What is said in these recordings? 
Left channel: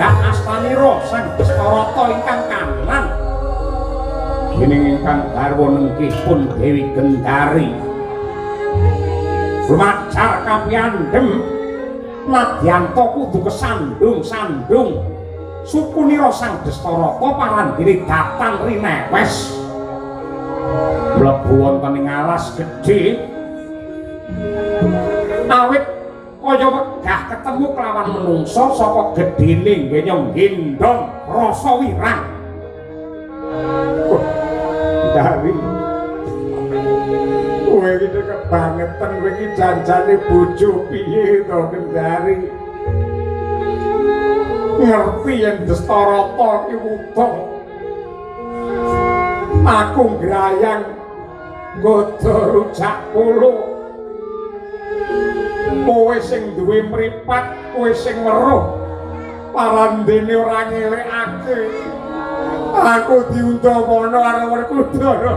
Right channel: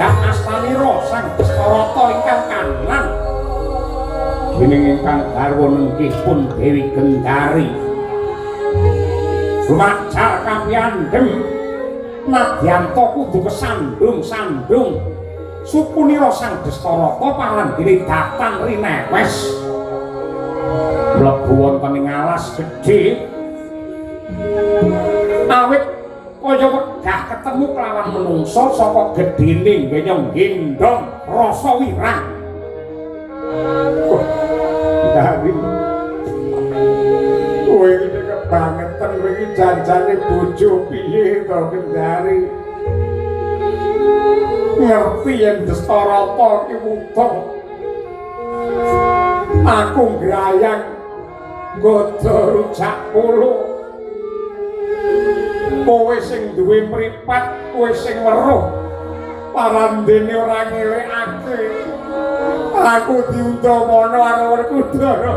jagat astanira sang Dastarata ingkang kanan dening ingkang garwa nengkipun Dewi Gendari lumajar kapiyandhem nadyanto kudu kesandung-sandung supunira sang Dastarata parandene datang rinewes mlebu wonten ing alas gedhe awit kaya wegah ketemu kelawan menungsa saka gedhene ngenyong gendong rasa wirang. Dari kowe iki kebangetan kowe iki janjane bojo piye to Kendari ngerti yen Dastarata iki wuda aku grayang nggodha rujak polo kowe sing duwe mripat kowe sing weruh parandene ora ngelekake aku diundamana karo Werkudara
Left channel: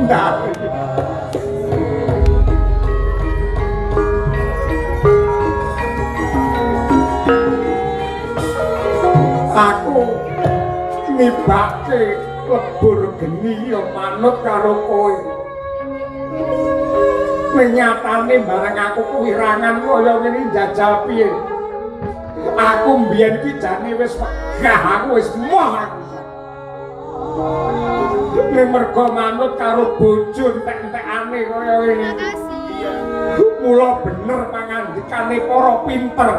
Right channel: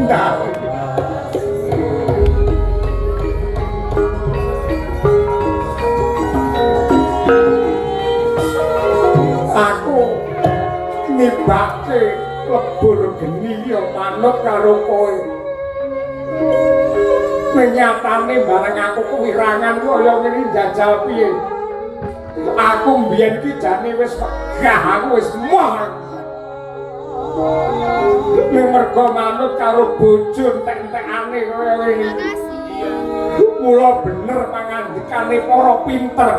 ndak aku nibake lebur geni ya manut karo kowe nyatane bareng aku kewirangan kaya ngene njajal piye aku mbiyen ki jane wis megah aku wis moh yen mergo manut karo bojo entek-entekane kaya ngene mula bener pangandikane para pinter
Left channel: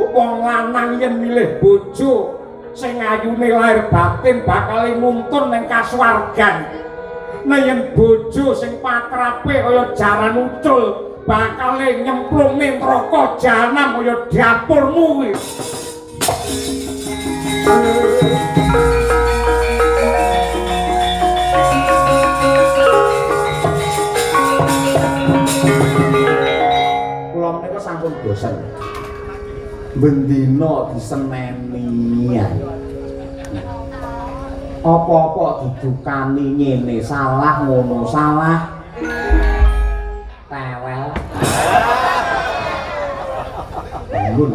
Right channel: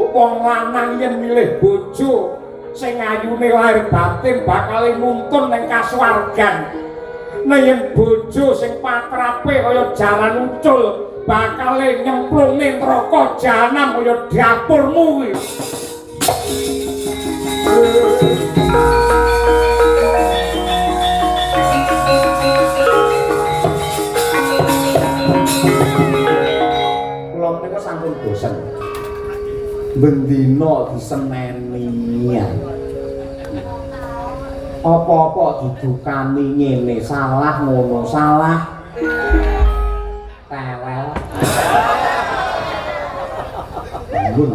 wong lanang yen milih bojo sing ayune lahir batin bakal nuntun ning kasuwargan nek yen bojo sing patrape kaya jaran ucul bakal nyemplung ning neraka jahanam kaya dapurmu kuwi. Kula menika sampun bosen. Bendina diseneni. Apa-apa didukani ngene salah ngono salah tewel mbun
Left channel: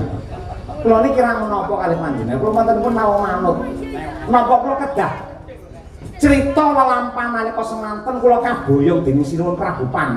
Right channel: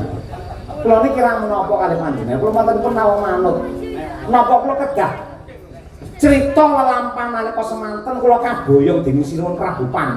kula niki kirang menapa kali panjenengan kula mboten pun tau manut napa kula kedah crita lelampahan nalika semanten kula kaboyong dening Sinuwun Prabu Pandhawa